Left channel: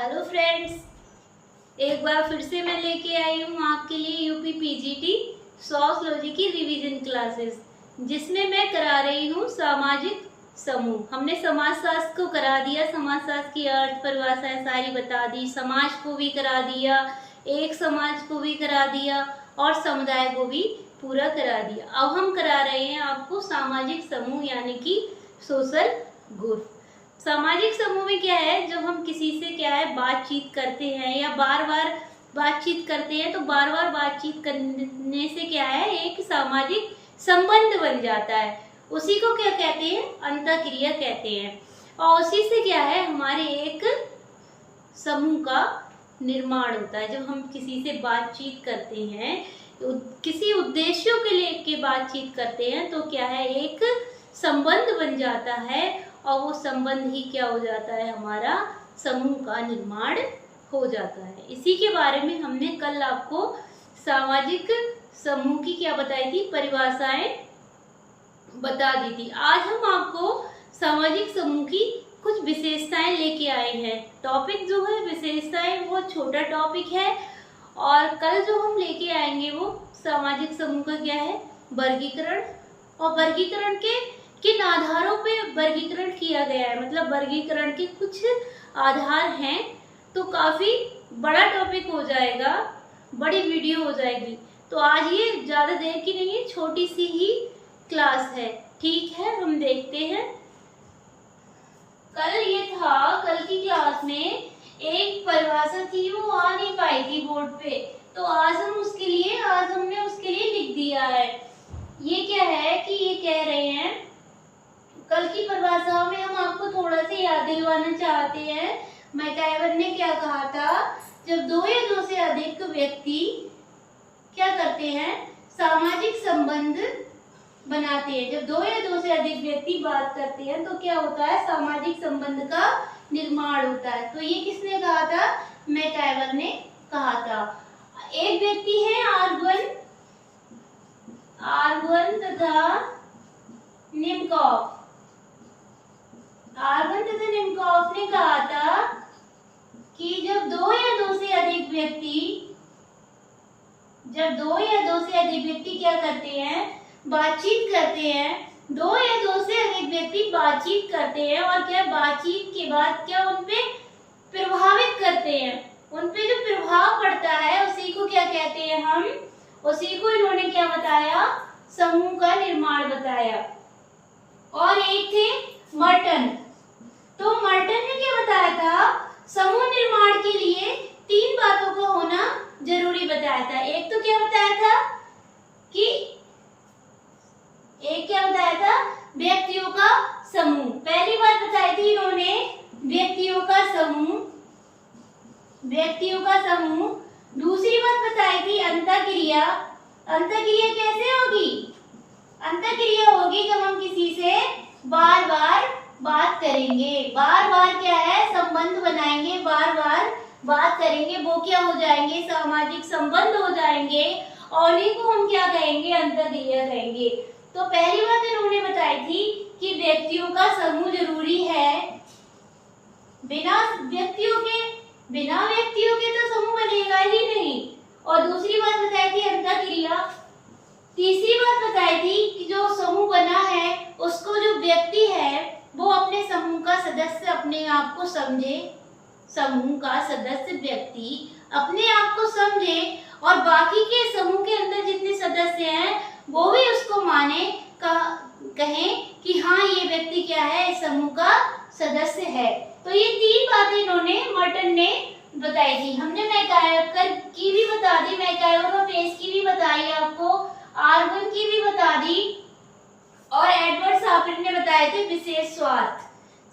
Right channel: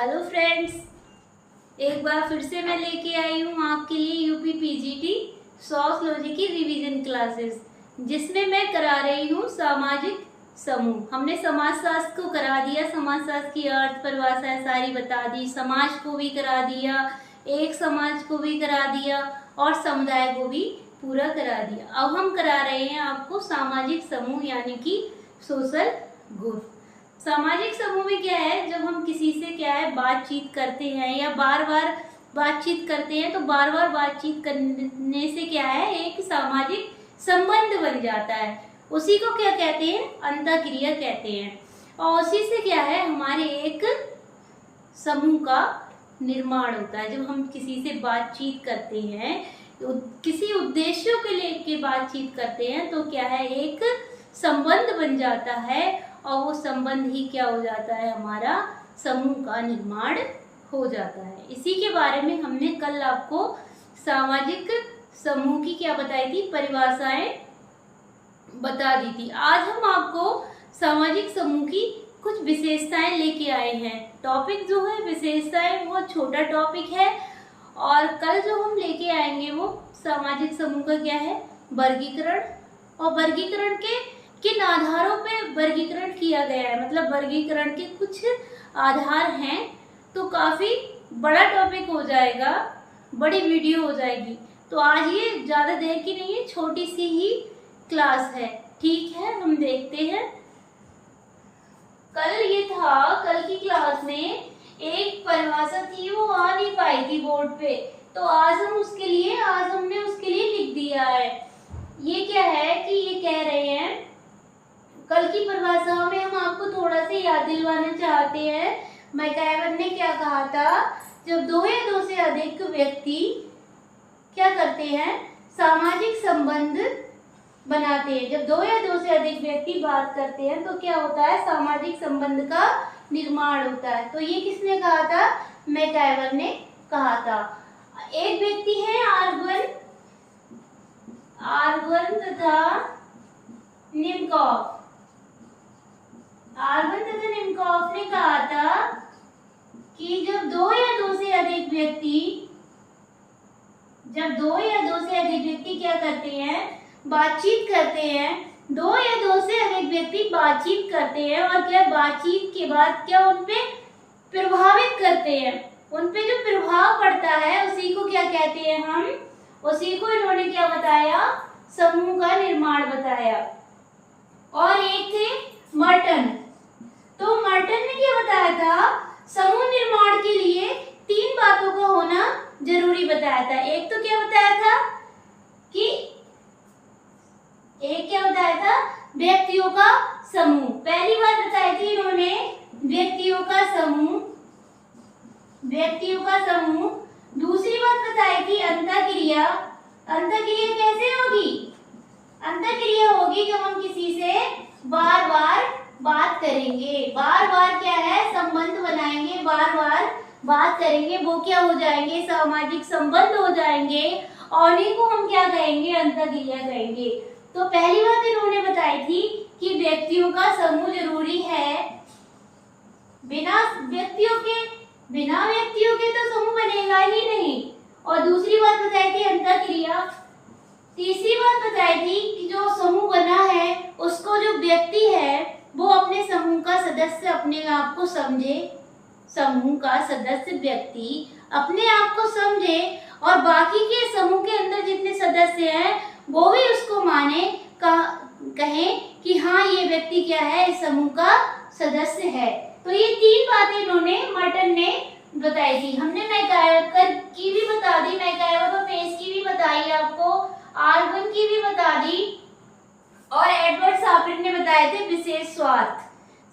Hello friends, एक बार फिर से मैं लेके आई हूँ आपके लिए यूपी पीजीटी सोशियोलॉजी की रिवीजन क्लासेस, जिसमें मैं करा रही हूँ सामाजिक समूह। हमने समाजशास्त्र को करा दिया, समाजशास्त्र की अर्थ परिभाषाएं सारी बता दी, समाज को भी करा दिया, एक समाज को भी करा दिया और समुदाय को भी पूरा करा दिया। अब हम करा रहे हैं आपको सामाजिक समूह यानी कि सोशल ग्रुप। सामाजिक समूह में क्या है, जब हम किसी से क्या है बातचीत करते हैं या बार बार बातचीत करते हैं, तो बार बार बातचीत करने से क्या है एक सामाजिक संबंध बन जाता है। उसी को क्या कहते हैं, अंतःक्रिया कहते हैं। और उसी से क्या है हमारे एक समूह का निर्माण होता है। जब हम किसी से बातचीत करते हैं, किसी उद्देश्यों के लिए के बातचीत करते हैं, तो क्या है एक संबंध बन जाता है और वो संबंध ही क्या हो जाता है, हमारा समूह का निर्माण हो जाता है। इसी के बारे में हमने कल आपको सामाजिक समूह की क्या बताई थी, परिभाषाएं बता दी थी। आज हम आपको सामाजिक समूह की कुछ विशेषताएं लेके आए हैं। टॉपिक जो है विशेषताएं वो छोटा टॉपिक है, और कल जो हम लेके आएंगे वो सामाजिक समूह का क्या है वर्गीकरण, और वर्गीकरण के किन आधारों पे वर्गीकरण किया गया है, मतलब वर्गीकरण के कुछ आधार हैं। तो काफ़ी बड़ा टॉपिक हो जाएगा, बड़ी वीडियो हो जाएगी। तो आज ये ज़्यादा देर की नहीं है, छोटी सी ही क्लास है। ठीक है, हम देखते हैं। कल ये था, कल की क्लास में एक परिभाषा थी, वो आ नहीं पाई थी बोर्ड पे, तो आज हमने उसके लिए लिख दिया है। ये क्या है कि ये कह रहे हैं, कल की परिभाषाओं में हम आपको थोड़ा सा याद दिलवाना चाहते हैं। मैकाइवर ने क्या कहा था, जब दो या दो से अधिक व्यक्ति क्या करते हैं, सामाजिक संबंध बनाते हैं। जब दो या दो से अधिक व्यक्ति बात करते हैं तो क्या होता है, सामाजिक संबंध का निर्माण होता है। तो ये किसने कहा था, मैकाइवर ने कहा था। एक व्यक्ति है आर्गन तथा निम्कॉफ ने कहा था कि जब दो या दो से अधिक व्यक्ति क्या करते हैं, बातचीत करते हैं, दो या दो से अधिक व्यक्ति बातचीत करते हैं, और क्या बातचीत के बाद क्या उनपे प्रभावित करते हैं, उनपे जो प्रभाव पड़ता है उसी को क्या कहते हैं हम, उसी को इन्होंने क्या बताया, समूह का निर्माण बताया। और एक थे मर्टन, तो मर्टन ने क्या बताया था, समूह निर्माण के लिए तीन बातों का होना जरूरी बताया था। एक तो क्या बताया था व्यक्तियों का समूह। पहली बात बताई थी इन्होंने व्यक्तियों का समूह। दूसरी बात बताई थी अंतःक्रिया। अंतःक्रिया कैसे होगी, अंतःक्रिया होगी जब हम किसी से बार बार बात करेंगे, बार बार क्या है संबंध बनाएंगे, बार बार बात करेंगे, वो क्या हो जाएंगे, सामाजिक संबंध हो जाएंगे, और इन्हीं को हम क्या कहेंगे, अंतःक्रिया कहेंगे। तो पहली बात इन्होंने बताई थी कि व्यक्तियों का समूह जरूरी है, बिना व्यक्तियों के तो समूह बनेगा ही नहीं। और दूसरी बात बताई थी अंतःक्रिया। तीसरी बात बताई थी कि जो समूह बना है उसको जो व्यक्ति है वो अपने समूह का सदस्य अपने आप को समझे, समूह का सदस्य व्यक्ति अपने आप को समझे, और बाकी के समूह के अंदर जितने सदस्य हैं वो भी उसको माने, कहें कि हाँ ये व्यक्ति क्या है, इस समूह का सदस्य है। तो ये तीन बातें इन्होंने मर्टन ने बताई थी। हमने मैकाइवर की भी बता दी, मैकाइवर और पेस की भी बताई आपको, आर्गन की भी बता दी, और एडवर्ड साफिर ने बताए थे विशेष स्वार्थ।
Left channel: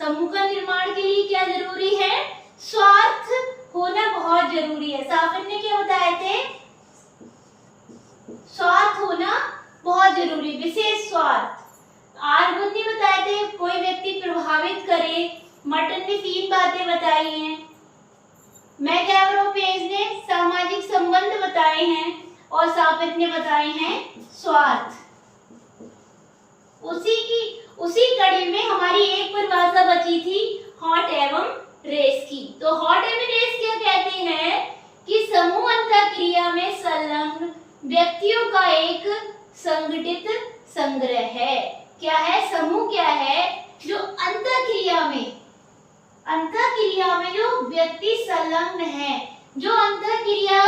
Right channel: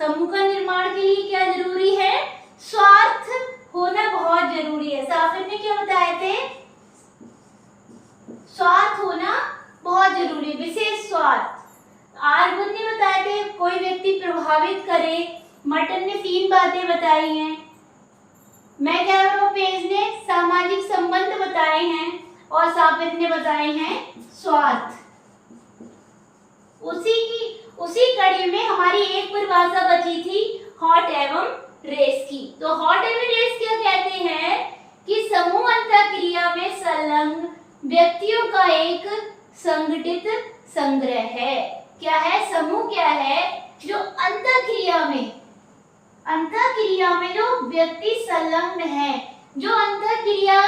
समूह का निर्माण के लिए क्या जरूरी है, स्वार्थ होना बहुत जरूरी है। साफिर ने क्या बताए थे, स्वार्थ होना बहुत जरूरी, विशेष स्वार्थ। आर्गन ने बताए थे कोई व्यक्ति प्रभावित करे। मर्टन ने तीन बातें बताई हैं। मैकाइवर और पेज ने सामाजिक संबंध बताए हैं, और साफिर ने बताए हैं स्वार्थ। उसी कड़ी में हमारी एक परिभाषा बची थी, हॉट एवं रेस की। तो हॉट एमिड रेस क्या कहते हैं कि समूह अंतःक्रिया में संलग्न व्यक्तियों का एक संगठित संग्रह है। क्या है? समूह क्या है? जो अंतःक्रिया में जो व्यक्ति संलग्न है, जो अंतःक्रिया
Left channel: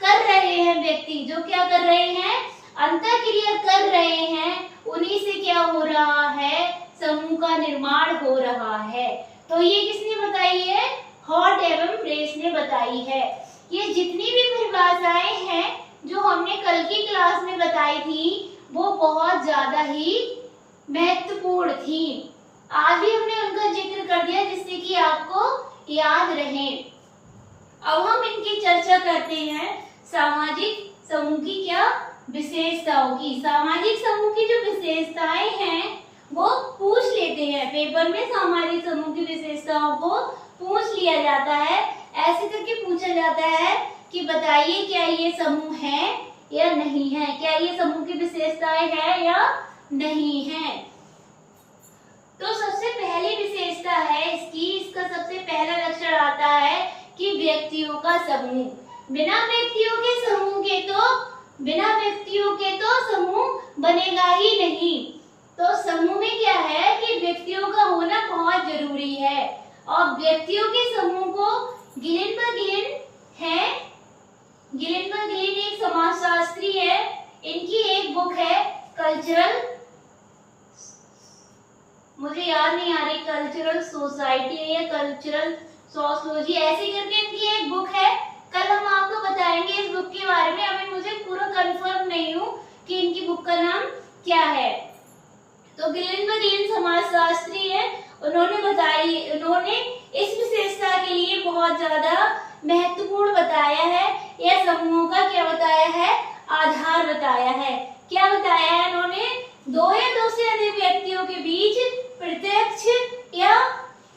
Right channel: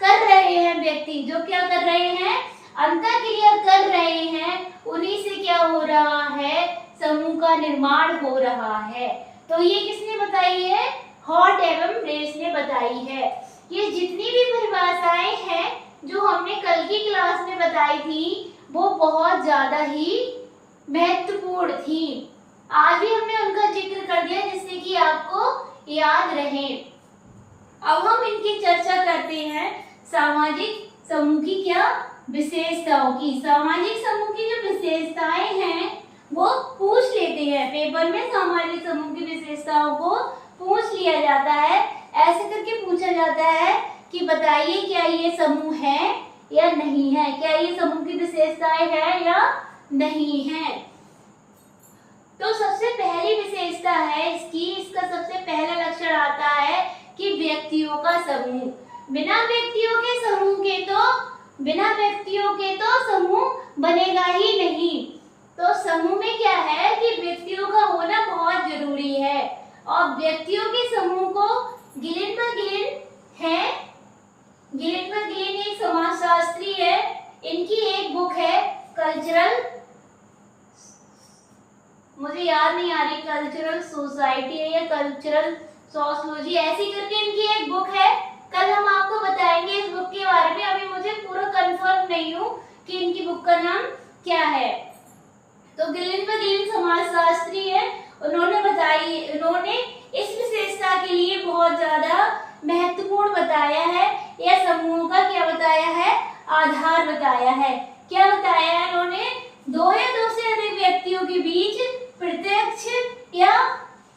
कर रहे हैं व्यक्ति, जो क्या कर रहे हैं? अंतःक्रिया कर रहे हैं, उन्हीं से क्या हो रहा है? समूह का निर्माण हो रहा है। तो ये किसने बताई है? हॉट एवं रेस ने बताई है। ये जितनी भी परिभाषाएं हैं जो हमने कल की क्लास में बताई थी, वो बहुत ज्यादा ही महत्वपूर्ण थी। आज भी हमने उनका जिक्र कर दिया जिससे कि आपको याद रहे। अब हम इनकी चर्चा करते हैं सामाजिक समूह की क्या विशेषताओं की। सामाजिक समूह की जो विशेषताएं हैं वो पूछ लेते हैं पेपर में। सामाजिक समूह की विशेषताओं को पूछ लिया जाता है, ऐसे करके पूछा जाता है कि बताइए क्या ये समूह है या नहीं है, क्या ये समूह की विशेषताएं हैं या नहीं है। तो सबसे पहली विशेषता है इसका सबसे पहला लक्षण आता है कि व्यक्तियों का समूह। बिना व्यक्तियों के तो समूह बनेगा ही नहीं। तो समूह में क्या है कि व्यक्तियों का होना बहुत जरूरी है। और व्यक्तियों के समूह को गिलेनबर्ग एक समाजशास्त्री है, इनकी एक बुक है कल्चरल, मुझे याद नहीं आ रही, कल्चरल सोसाइटी है या कल्चरल सोशियोलॉजी, ऐसी करके इनकी एक बुक है। कल हम आपको बताएंगे इस बुक के बारे में। अभी मुझे पूरा कंफर्म नहीं हूँ कि इनकी बुक का नाम क्या है। तो गिलेनबर्ग समाजशास्त्री है, उन्होंने इस विशेषता के लिए बहुत ज्यादा महत्वपूर्ण बताया है, या समूहों का क्या बताया है? आधार बताया है। क्या बताया है उन्होंने? दो या दो से अधिक व्यक्तियों के बीच प्रत्यक्ष या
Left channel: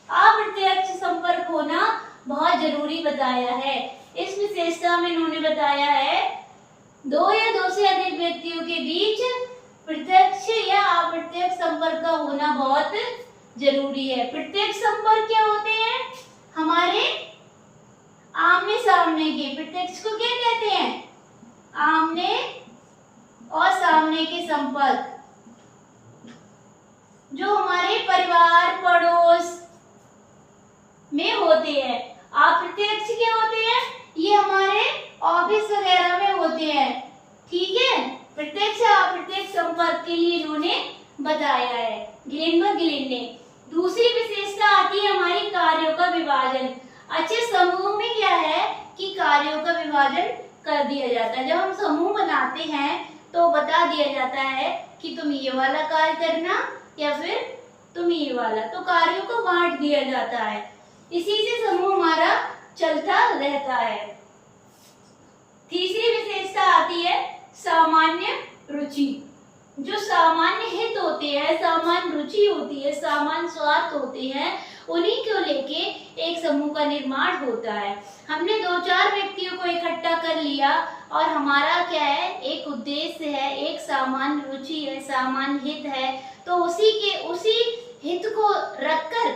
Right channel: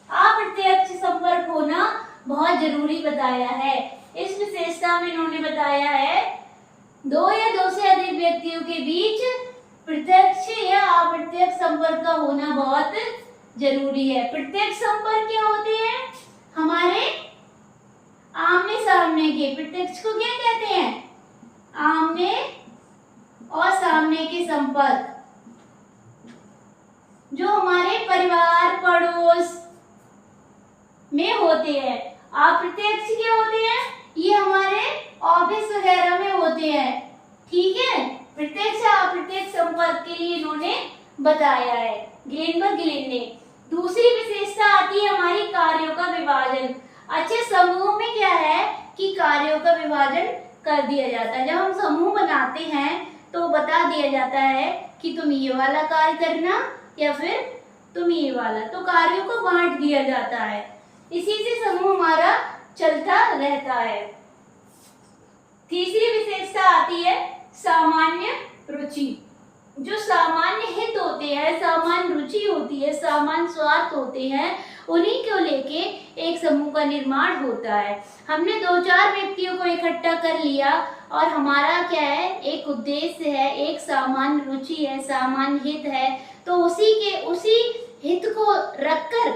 अप्रत्यक्ष संपर्क होना बहुत जरूरी बताया है। इस विशेषता में इन्होंने बताया है दो या दो से अधिक व्यक्तियों के बीच प्रत्यक्ष या अप्रत्यक्ष संपर्क का होना बहुत जरूरी है। प्रत्यक्ष संपर्क क्या होते हैं? हमारे आमने सामने के, प्रत्यक्ष को क्या कहते हैं? आमने और सामने के संपर्क, जो हमारे परिवार पड़ोस में होते हैं। अप्रत्यक्ष क्या होते हैं? ये हमारे ऑफिस वगैरह में होते हैं। ठीक है, प्रत्यक्ष अप्रत्यक्ष संपर्क के लिए इन्होंने बताया है गिलेनबर्ग ने। दूसरी विशेषता आती है हमारी कार्यों का विभाजन। अच्छे समूह में क्या है कि कार्यों का विभाजन कर दिया जाता है। जब हम समूह बनाते हैं तो बता दिया जाता है कि तुम ये वाला कार्य करना या फिर तुम ये वाला, तो कार्यों को बांट दिया जाता है। इसी से समूह हमारा चलता रहता है। तीसरी विशेषता आती है सामान्य रुचि। जो सामान्य हित होते हैं, सामान्य रुचि होती है, सामान्य स्वार्थ होते हैं, उन्हीं को लेके एक समूह का निर्माण होता है। हमने दो चार व्यक्तियों को इकट्ठा कर लिया और हमारा क्या है? एक उद्देश्य है, एक सामान्य रुचि है, सामान्य हित है, तो उसी हित को रखकर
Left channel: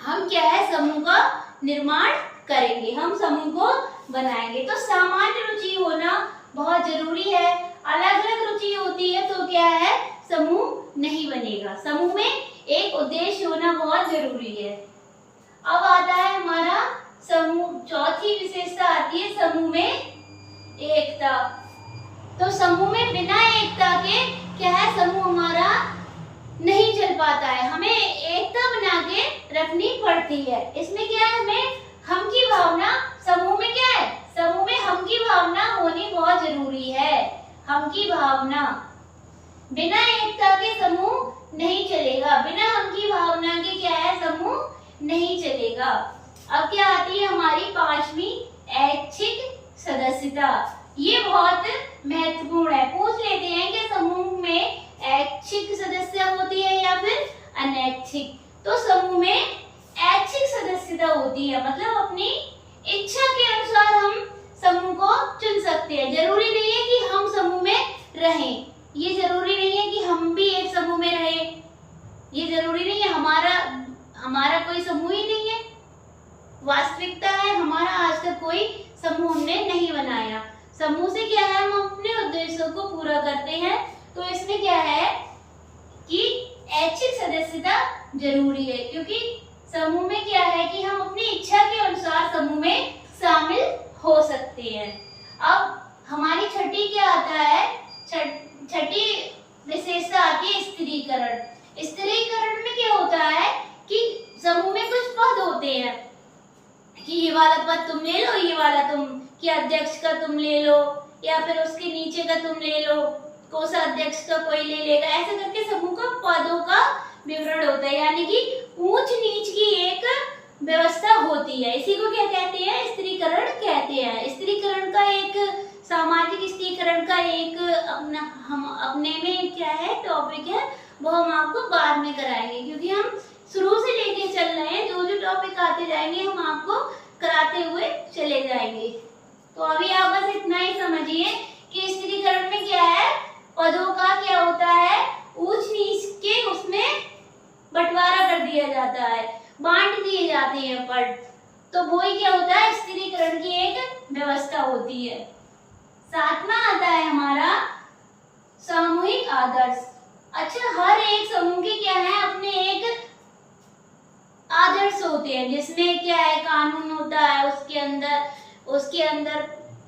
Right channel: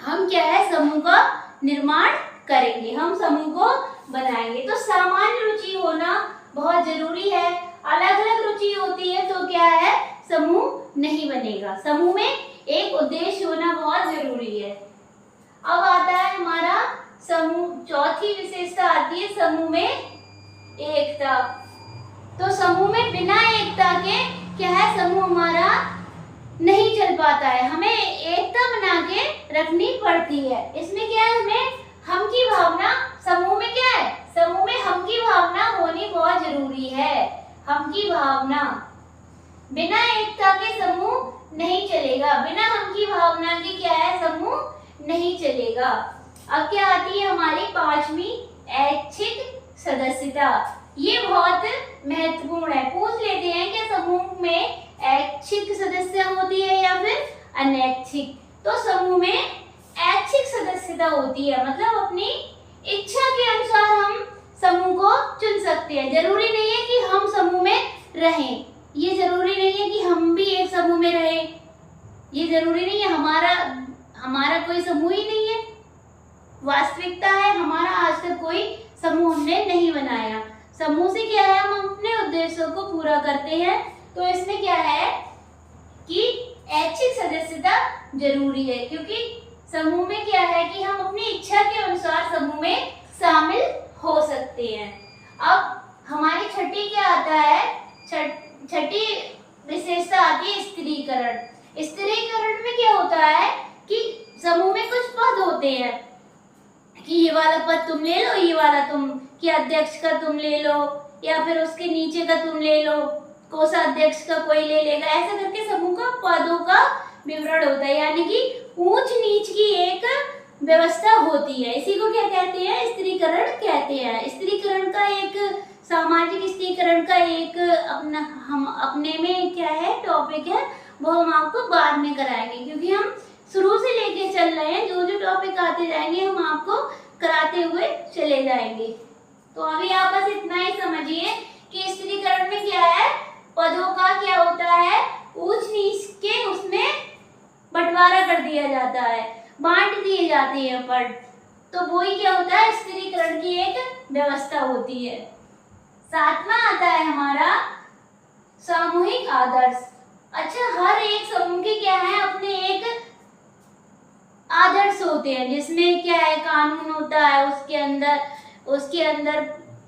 हम क्या है? समूह का निर्माण करेंगे, हम समूह को बनाएंगे। तो सामान्य रुचि होना बहुत जरूरी है। अलग अलग रुचि होती है तो क्या है? समूह नहीं बनेगा। समूह में एक उद्देश्य होना बहुत जरूरी है। अब आता है हमारा समूह, चौथी विशेषता आती है समूह में एकता। तो समूह में बिना एकता के क्या है? समूह हमारा नहीं चल पाता है। हमें एकता बना के रखनी पड़ती है। इसमें क्या है? हमें हम की भावना, समूह में क्या है? समूह में हम की भावना होनी बहुत जरूरी है। हम की भावना, बिना एकता के समूह नहीं चलेगा। बिना हम की भावना के क्या है? समूह नहीं चलेगा। अब क्या आती है हमारी पांचवी? ऐच्छिक सदस्यता। ये बहुत महत्वपूर्ण है। पूछ लेते हैं कि समूह में ऐच्छिक सदस्यता होती है या फिर अनैच्छिक। तो समूह में ऐच्छिक सदस्यता होती है, मतलब अपनी इच्छा के अनुसार हम समूह को चुन सकते हैं। जरूरी नहीं है कि हम समूह में रहें, ये जरूरी नहीं है कि हम भी एक समूह में रहें, ये जरूरी नहीं है हमारा कोई समूह ही नहीं है, वास्तविकता है, हमारा आज तक कोई समूह हमने नहीं बनाया। समूह से क्या है, हम अपने उद्देश्यों को पूरा करते हैं। तो इसमें क्या है कि ऐच्छिक सदस्यता जरूरी है, क्योंकि समूह में क्या है कि हम अपनी इच्छा के अनुसार समूह में शामिल हो सकते हैं। अब हमारी छठी क्या आता है, छठी विशेषता आती है स्त्रीकरण। स्त्रीकरण में क्या होता है कि समूह में कुछ पद होते हैं कि ये वाला पद तुम ले लो, ये वाला तुम, कि अध्यक्ष का तुम ले लो, या फिर उसके नीचे का तुम ले लो, कोषाध्यक्ष का कोई ले लेगा। ऐसा करके समूह का पदों का विवरण होता है, यानी कि ऊंच नीच की एक व्यवस्था होती है। इसी को क्या कहते हैं, स्त्रीकरण कहते हैं। स्त्रीकरण का एक, सामाजिक स्त्रीकरण का एक अपने में क्या है टॉपिक है, वो हम आपको बाद में कराएंगे, क्योंकि हम शुरू से लेके चल रहे हैं। जो जो टॉपिक आते जाएंगे हम आपको कराते हुए चले जाएंगे। तो अभी आप बस इतना ही समझिए कि स्त्रीकरण में क्या है, पदों का क्या होता है, ऊंच नीच के उसमें बंटवारा कर दिया जाता है, बांट दिए जाते हैं पद। तो वो ही क्या होता है, स्त्रीकरण की एक व्यवस्था होती है। सातवां आता है हमारा सामूहिक आदर्श। अच्छा, हर एक समूह के क्या है, अपने एक आदर्श होते हैं, जिसमें क्या है, कानून होता है, उसके अंदर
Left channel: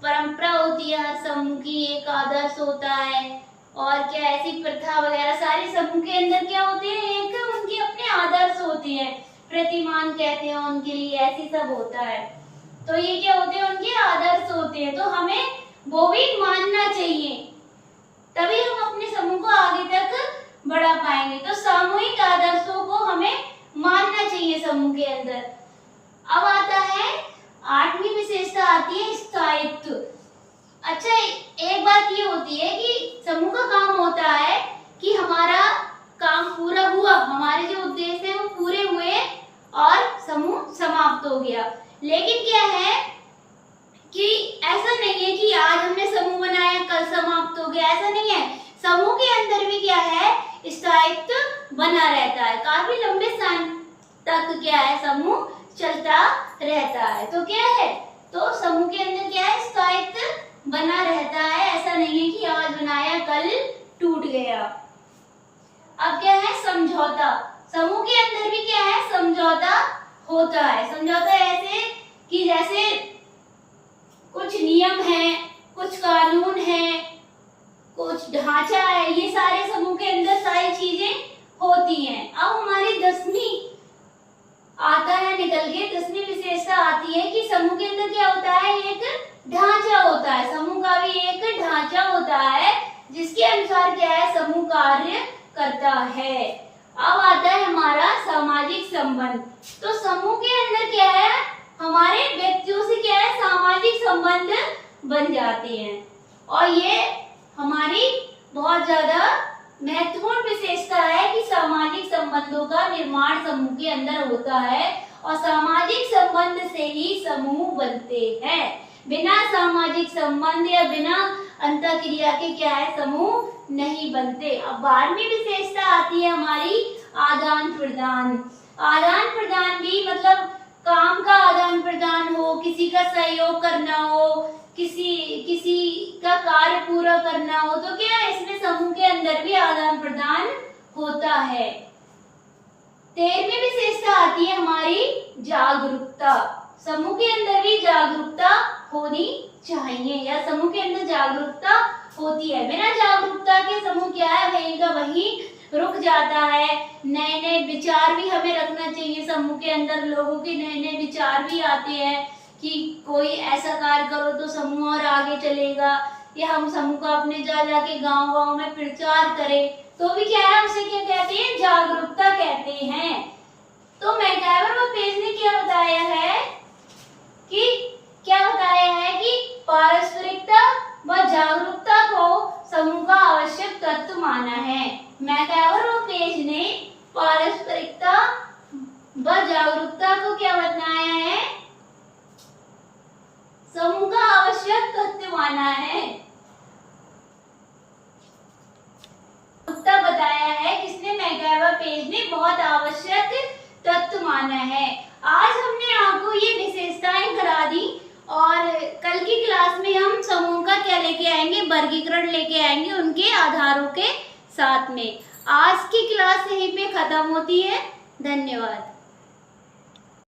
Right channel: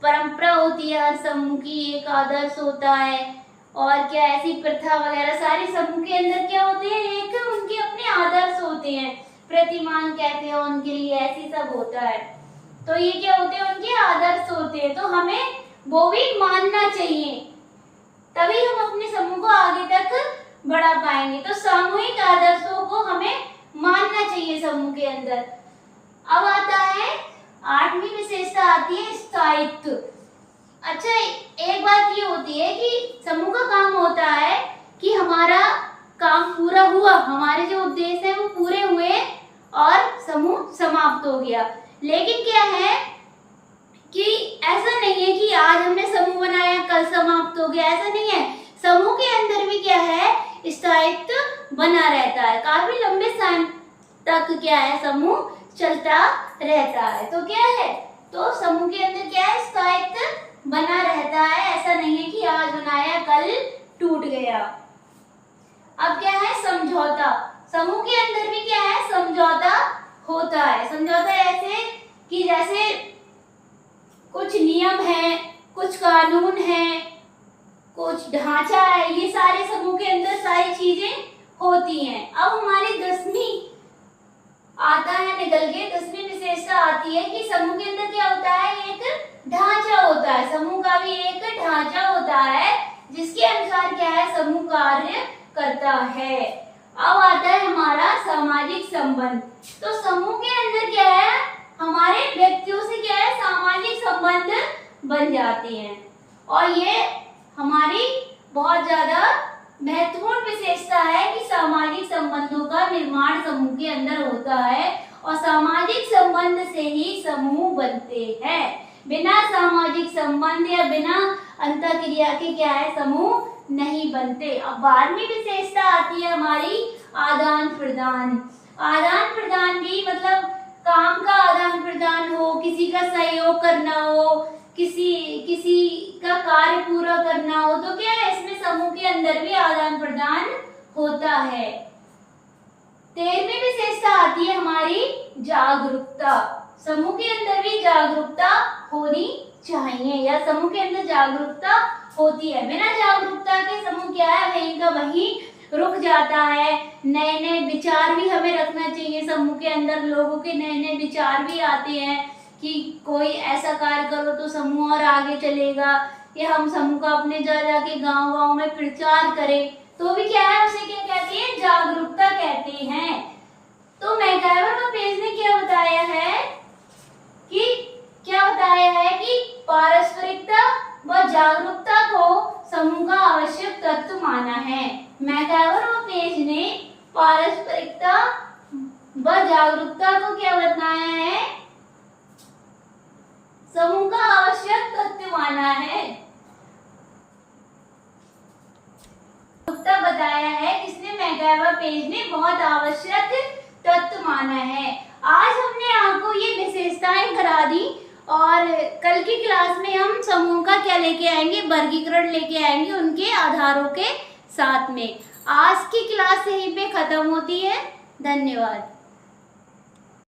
परंपरा होती है, हर समूह की एक आदर्श होता है। और क्या ऐसी प्रथा वगैरह सारी समूह के अंदर क्या होते हैं, एक उनके अपने आदर्श होते हैं, प्रतिमान कहते हैं उनके लिए, ऐसी सब होता है। तो ये क्या होते हैं, उनके आदर्श होते हैं। तो हमें वो भी मानना चाहिए, तभी हम अपने समूह को आगे तक बढ़ा पाएंगे। तो सामूहिक आदर्शों को हमें मानना चाहिए समूह के अंदर। अब आता है आठवीं विशेषता आती है स्थायित्व। अच्छा, एक बात ये होती है कि समूह का काम होता है कि हमारा काम पूरा हुआ, हमारे जो उद्देश्य है वो पूरे हुए और समूह समाप्त हो गया। लेकिन क्या है कि ऐसा नहीं है कि आज हमने समूह बनाया कल समाप्त हो गया, ऐसा नहीं है। समूह के अंदर भी क्या है, स्थायित्व बना रहता है, काफी लंबे समय तक क्या है, समूह चलता रहता है। तो क्या है, तो समूह के अंदर क्या है, स्थायित्व बना रहता है। ऐसा नहीं है कि आज बनाया कल टूट गया। अब क्या है, समझौता। समूह के अंदर भी क्या है, समझौता होता है। समझौता ऐसे कि जैसे कुछ नियम है, कुछ कानून है, कुछ ढांचा है, ये सारे समूह के अंदर सारी चीजें होती हैं। अब हमारी 10वीं आता है निकल के, 10वीं विशेषता आती है कि समूह के अंदर क्या होता है, एक ढांचा होता है। समूह का भी एक ढांचा होता है, जिसके अनुसार क्या है, समूह कार्य करता है। अब आता है हमारा सामाजिक संबंध। तो समूह के अंदर क्या है, हमारे व्यक्तियों से क्या है, सामाजिक संबंध बन जाते हैं। और ये हमारी बहुत ज्यादा महत्वपूर्ण विशेषता है कि सामाजिक संबंधों का निर्माण समूह के अंदर होता है, और सामाजिक संबंध से ही समूह बनते हैं। बिना सामाजिक संबंध या बिना अंतःक्रिया के क्या है, समूह नहीं बनते। अब 12वीं विशेषता आती है हमारी आदान प्रदान। आदान प्रदान भी मतलब काम का आदान प्रदान हो, किसी का सहयोग करना हो, किसी का कार्य पूरा करना हो, तो क्या है, इसमें समूह के अंदर भी आदान प्रदान होता है। 13वीं विशेषता आती है हमारी जागरूकता। समूह के अंदर भी जागरूकता होनी चाहिए, या समूह के अंदर जागरूकता होती है। बिना जागरूकता के समूह क्या है, वहीं का वहीं रुक जाता है। नए नए विचार भी हमें रखना चाहिए समूह के अंदर, लोगों के नए नए विचार भी आते हैं कि कोई ऐसा कार्य करो तो समूह और आगे चलेगा, या हम समूह का अपने जा जाके गांव गांव में प्रचार करें, तो भी क्या है, उसे क्या कहते हैं, जागरूकता कहते हैं। तो मैकाइवर और पेज ने क्या बताया है कि पारस्परिकता व जागरूकता को समूह का आवश्यक तत्व माना है। मैकाइवर और पेज ने पारस्परिकता व जागरूकता को क्या बताया है, समूह का आवश्यक तत्व माना है। बताया है किसने, मैकाइवर पेज ने बहुत आवश्यक तत्व माना है। आज हमने आपको ये विशेषताएं करा दी और कल की क्लास में हम समूह का क्या लेके आएंगे, वर्गीकरण लेके आएंगे उनके आधारों के साथ में। आज की क्लास यहीं पे खत्म होती है। धन्यवाद।